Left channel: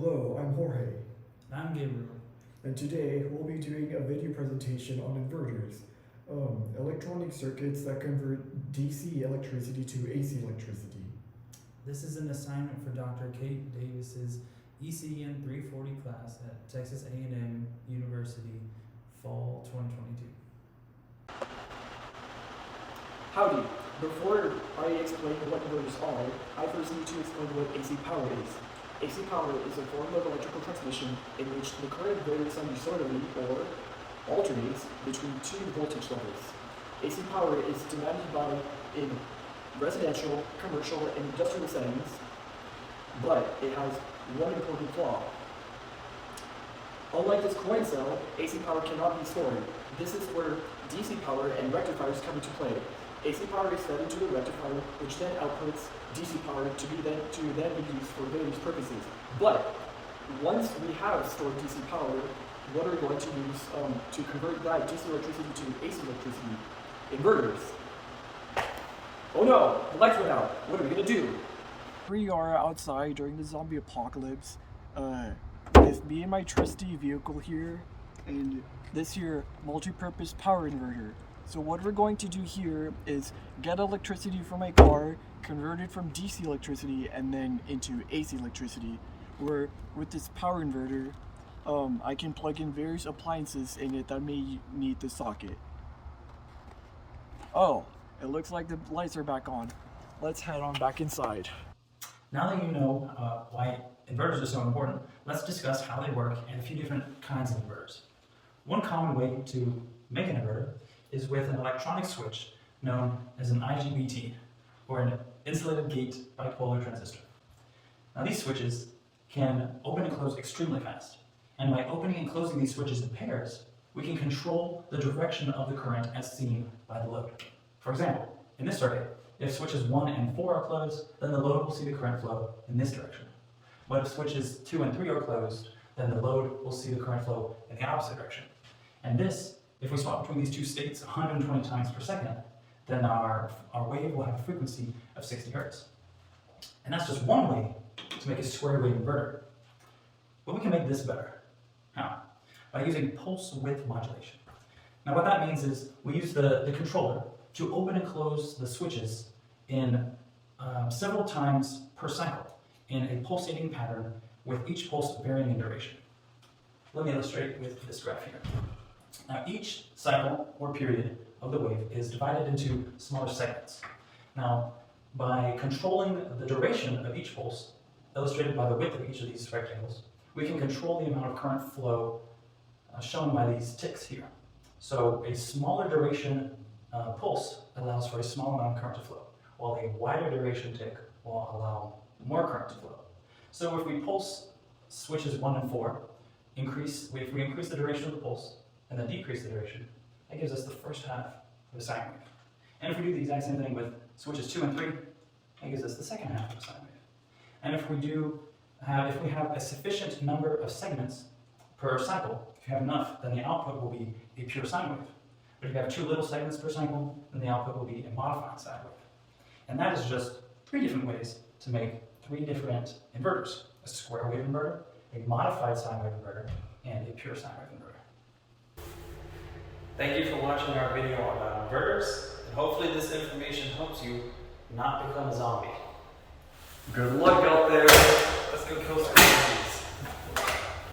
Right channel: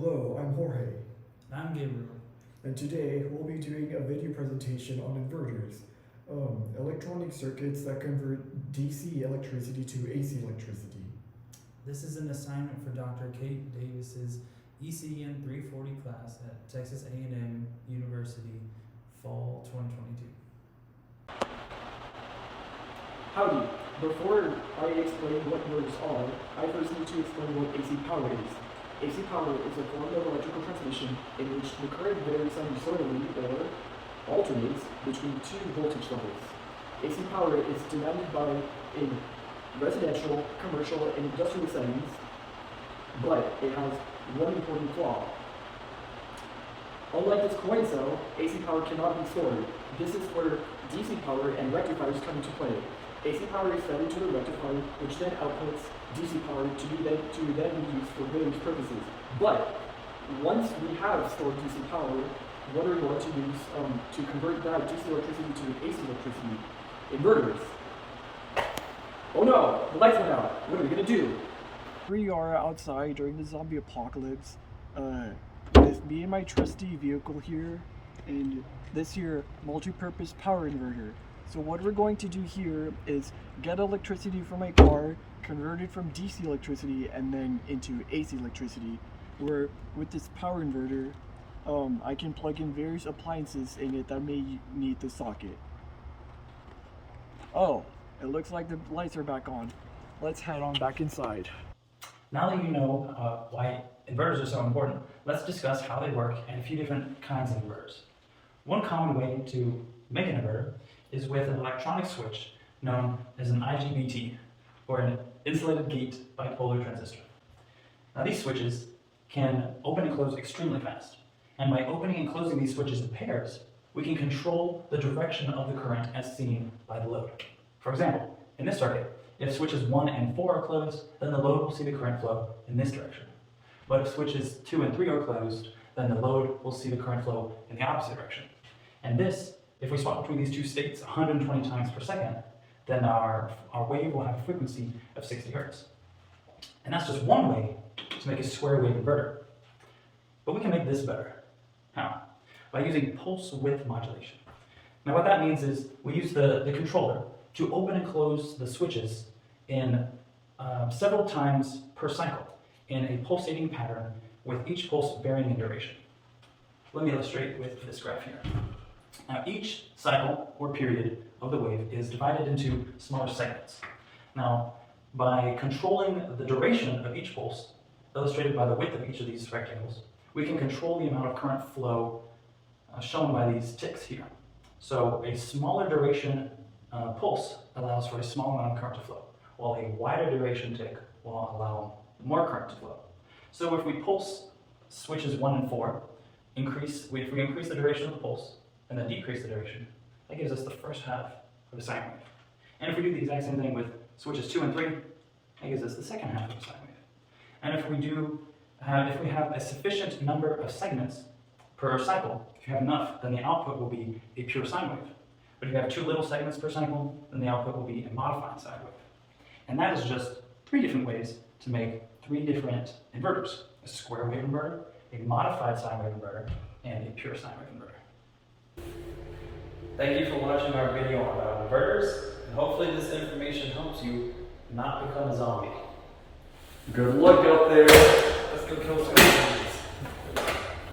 Hello, I'm Jorge, And I'm Gabriel. and today we'll be doing a video presentation on inverters, electronic circuits that convert DC electricity to AC electricity. This is an assignment for Dr. Kate Davis's ECEN 340 class at Texas A&M University, fall 2022. Howdy. Before I explain what inverters are, I first need to explain what AC power is. AC power is a form of electrical transmission in which the current varies sinusoidally or alternates between two voltage levels. AC power is demanded in residential, commercial, and industrial settings, but it has one important flaw. Unlike this coin cell, AC power cannot be stored. This is where DC power and rectifiers come into play. AC power is fed into the rectifier, which then outputs DC power to then be used for various purposes. But once we have stored DC power, what are we going to use to convert that DC electricity to AC electricity? Inverters. Oh no, the lights went out. What are we gonna do? We are outside during the zombie apocalypse with me and my trusty vehicle here, and this here multi-purpose power inverter. So what we're going to do here is get electricity from my car, convert it from DC electricity, and then into AC electricity. Where with this power inverter, I can plug in various appliances in it that may need the socket. Oh, it looks like the lights are back on. Let's head on back inside. Now that you know why inverters are so important, let's discuss how they work and a few different kinds of inverters. One common way to make an inverter is with an electronic switch known as an IGBT, or an insulated gate bipolar transistor. Now these switches can open and close extremely fast, and by opening and closing these switches in pairs, we can control the direction of the current as seen by the load. For example, in this circuit, if switches 1 and 4 are closed, then the load will see the current flow in this direction. But if switches 2 and 3 are closed, then the load will see the current flow in the opposite direction. And this, if we swap between these two states 120 times per second, then our wave will have a frequency of 60 hertz. And that's just one way to make a square wave inverter. But we can make this better. How? By using pulse width modulation. Now what that means is we use the controller to open and close the switches in several times per cycle in a pulsating pattern with each pulse varying in duration. Let me illustrate with this graph here. Now each cycle or period of the wave is divided into smaller segments. Now by controlling the duration of each pulse, illustrated by the width of each of these rectangles, we can control the amount of current flow shown by these ticks here. So a smaller duration pulse allows for a small amount of current to flow, while a wider duration tick will allow more current to flow. So if we pulse switches 1 and 4, if we increase the duration of the pulse and then decrease the duration, that gives us the first half of a sine wave. And if we do the exact same thing with switches 2 and 3, that gives us the second half of a sine wave. And if we have a sufficient number of segments per cycle, if you have enough, then the output will be a pure sine wave. But if you have too little segments per cycle, then the output will be a modified sine wave. And that is just 3 different ways to make 3 different inverters: a square wave inverter, a modified sine wave inverter, and a pure sine wave inverter. Thank you for watching our video about inverters, and hopefully this information helps you not become a zombie. Good luck out there. Let's go kill some